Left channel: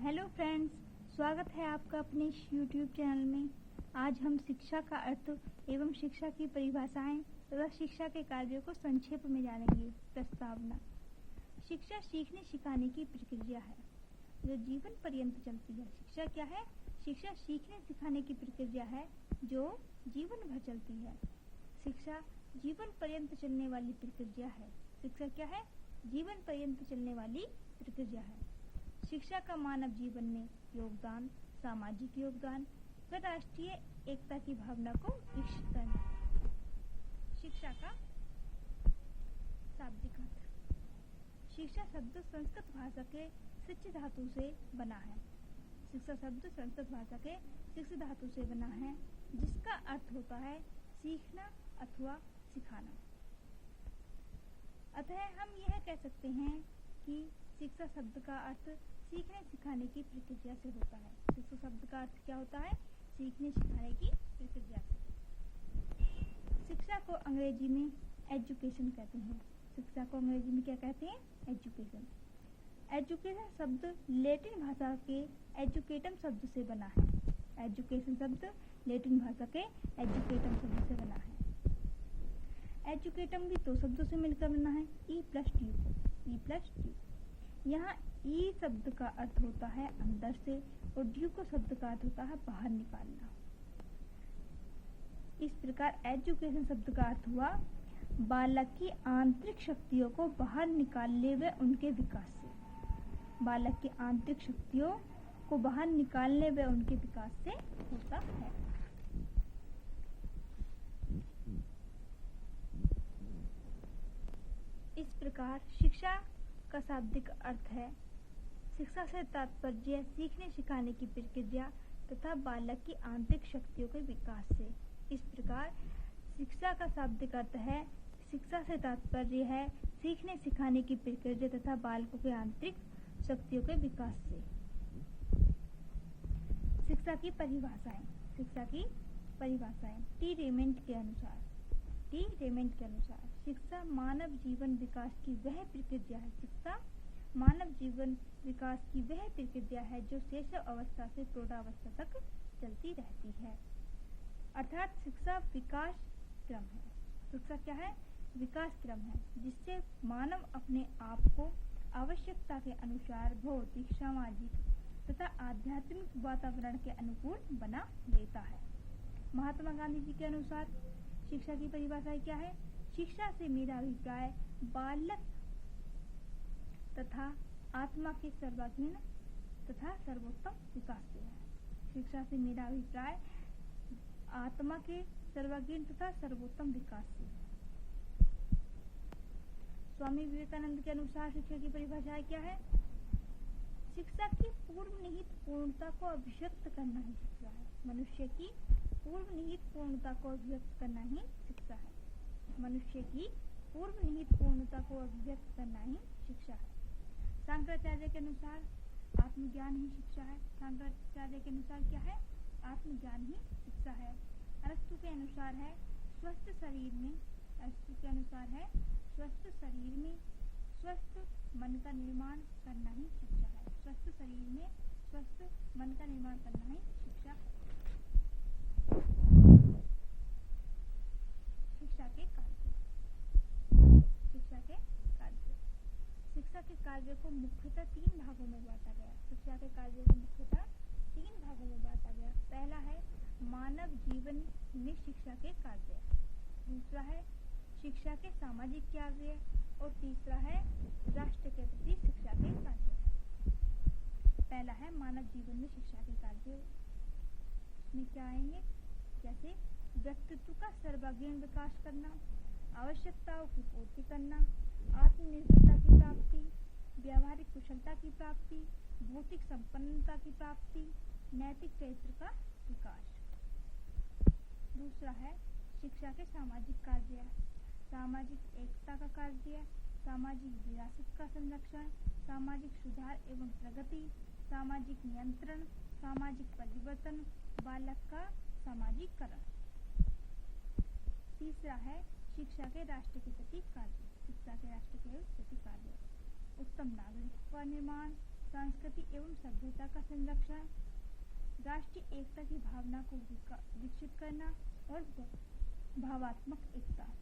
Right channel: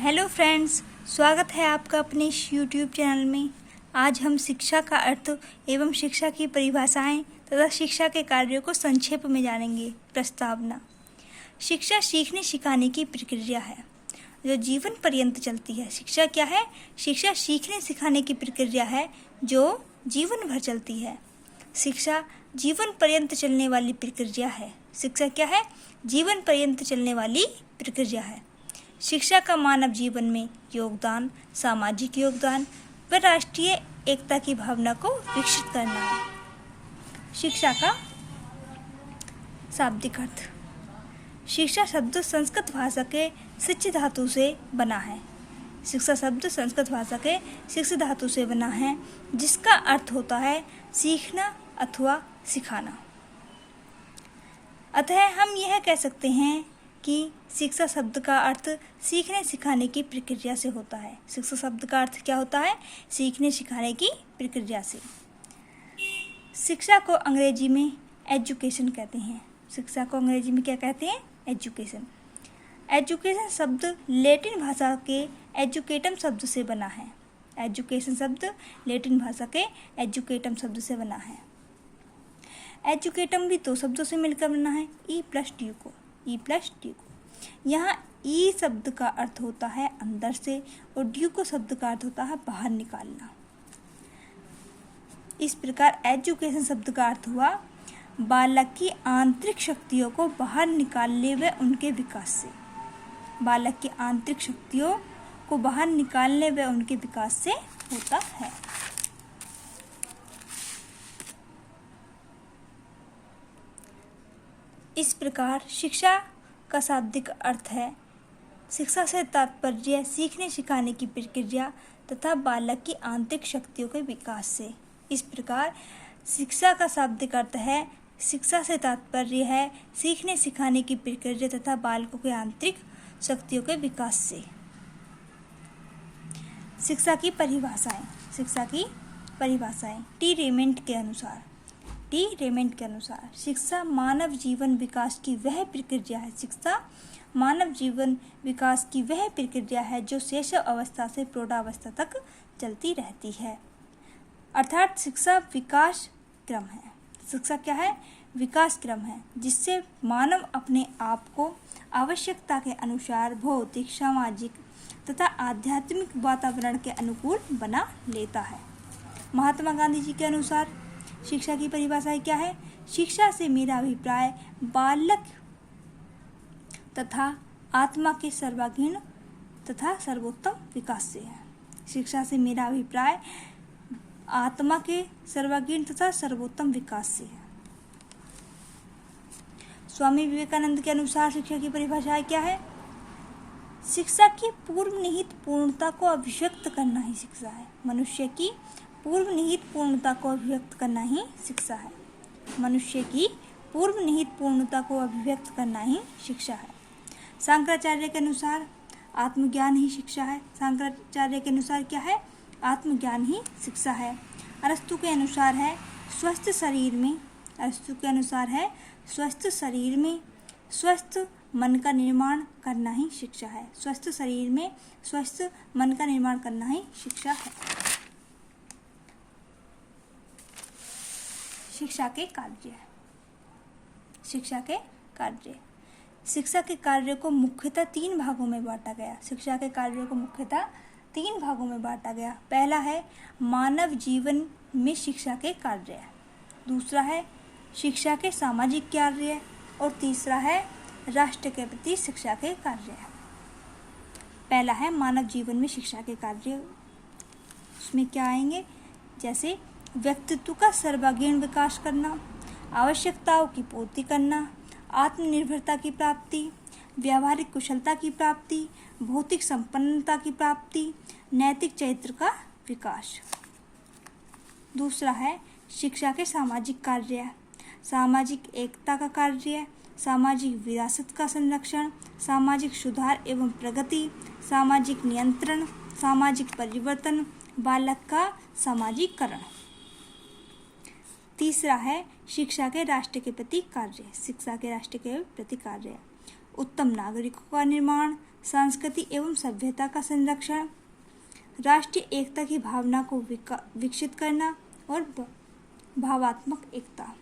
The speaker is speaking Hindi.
हेलो फ्रेंड्स, स्वागत है आपका अपने इस यूट्यूब चैनल में। आज हम शिक्षा का अर्थ एवं शिक्षा की परिभाषाएं तथा शिक्षा के कार्यों को संक्षेप में जानेंगे। प्रस्तावना। शिक्षा सीखने सिखाने की प्रक्रिया है जो जीवन पर्यंत चलती है। शिक्षा क्या है? शिक्षा सीखने सिखाने की प्रक्रिया है जो जीवन भर चलती है। शिक्षा जीवन पर्यंत चलने वाली प्रक्रिया है। शिक्षा क्या है? जीवन पर्यंत चलने वाली प्रक्रिया है। शिक्षा का मानव जीवन में योगदान, सामाजिक योगदान व राष्ट्रीय एकता की भावना को विकसित करना है। शिक्षा का शाब्दिक अर्थ। शिक्षा शब्द संस्कृत भाषा के शिक्ष धातु से बना है। शिक्षा शब्द संस्कृत भाषा के शिक्ष धातु से बना है, जिसका अर्थ होता है सीखना अथवा सिखाना। अतः हम यह कह सकते हैं कि शिक्षा शब्द का अर्थ सीखने सिखाने की प्रक्रिया से होता है। शिक्षा शब्द का अर्थ क्या होता है? सीखने सिखाने की प्रक्रिया से। शिक्षा को अंग्रेजी में एजुकेशन कहते हैं। शिक्षा को अंग्रेजी में क्या कहते हैं? एजुकेशन। एजुकेशन शब्द लैटिन भाषा के एजुकेटम शब्द से बना है। एजुकेशन शब्द लैटिन भाषा के एजुकेटम शब्द से बना है। एजुकेटम भी दो शब्दों से मिलकर बना है, ई प्लस ड्यू को। यहाँ ई शब्द का अर्थ होता है अंदर से और ड्यू को शब्द का अर्थ होता है बाहर निकालना। इस प्रकार एजुकेशन शब्द का अर्थ हुआ बालक की आंतरिक शक्तियों को बाहर निकालने व उनके विकास से। बालक की आंतरिक शक्तियों को बाहर निकालने व उनके विकास से होता है। इस प्रकार शिक्षा का शाब्दिक अर्थ है शिक्षा से तात्पर्य सीखने सिखाने की प्रक्रिया तथा बालक की आंतरिक शक्तियों के विकास से। इस प्रकार शिक्षा का शाब्दिक अर्थ है शिक्षा से तात्पर्य है सीखने सिखाने की प्रक्रिया तथा बालकों के आंतरिक शक्तियों के विकास से। शिक्षा की परिभाषाएं। शिक्षा की परिभाषाएं टी रेमेंट के अनुसार शिक्षा मानव जीवन विकास की वह प्रक्रिया है। शिक्षा मानव जीवन विकास की वह प्रक्रिया है जो शैशव अवस्था से प्रौढ़ावस्था तक चलती रहती है। अर्थात शिक्षा विकास क्रम है। शिक्षा क्या है? विकास क्रम है जिससे मानव अपने आप को आवश्यकता के अनुसार भौतिक, सामाजिक तथा आध्यात्मिक वातावरण के अनुकूल बना लेता है। महात्मा गांधी जी के अनुसार शिक्षा की परिभाषा क्या है? शिक्षा से मेरा अभिप्राय बालक तथा आत्मा के सर्वांगीण तथा सर्वोत्तम विकास से है। शिक्षा से मेरा अभिप्राय आत्मा के सर्वांगीण तथा सर्वोत्तम विकास से है। स्वामी विवेकानंद के अनुसार शिक्षा की परिभाषा क्या है? शिक्षा की पूर्व निहित पूर्णता को अभिव्यक्त करना ही शिक्षा है। मनुष्य की पूर्व निहित पूर्णता को अभिव्यक्त करना ही शिक्षा है। मनुष्य की पूर्व निहित पूर्णता को अभिव्यक्त करना ही शिक्षा है। शंकराचार्य के अनुसार आत्मज्ञान ही शिक्षा है। शंकराचार्य के अनुसार क्या है? आत्मज्ञान ही शिक्षा है। अरस्तु के अनुसार है स्वस्थ शरीर में स्वस्थ मन का निर्माण करना ही शिक्षा है। स्वस्थ शरीर में स्वस्थ मन का निर्माण करना ही शिक्षा है। शिक्षा के कार्य। शिक्षा के कार्य को मुख्यतः तीन भागों में बांटा गया। पहला है मानव जीवन में शिक्षा के कार्य, दूसरा है शिक्षा के सामाजिक कार्य और तीसरा है राष्ट्र के प्रति शिक्षा के कार्य। पहला है मानव जीवन में शिक्षा के कार्य। उसमें क्या आएंगे? जैसे व्यक्तित्व का सर्वांगीण विकास करना, आवश्यकताओं की पूर्ति करना, आत्मनिर्भरता की प्राप्ति, व्यावहारिक कुशलता की प्राप्ति, भौतिक संपन्नता की प्राप्ति, नैतिक चरित्र का विकास। दूसरा है शिक्षा के सामाजिक कार्य, सामाजिक एकता का कार्य, सामाजिक विरासत का संरक्षण, सामाजिक सुधार एवं प्रगति, सामाजिक नियंत्रण, सामाजिक परिवर्तन, बालक का सामाजिकरण। तीसरा है शिक्षा के राष्ट्र के प्रति कार्य, उत्तम नागरिकों का निर्माण, संस्कृति एवं सभ्यता का संरक्षण, राष्ट्रीय एकता की भावना को विकसित करना और भावात्मक एकता।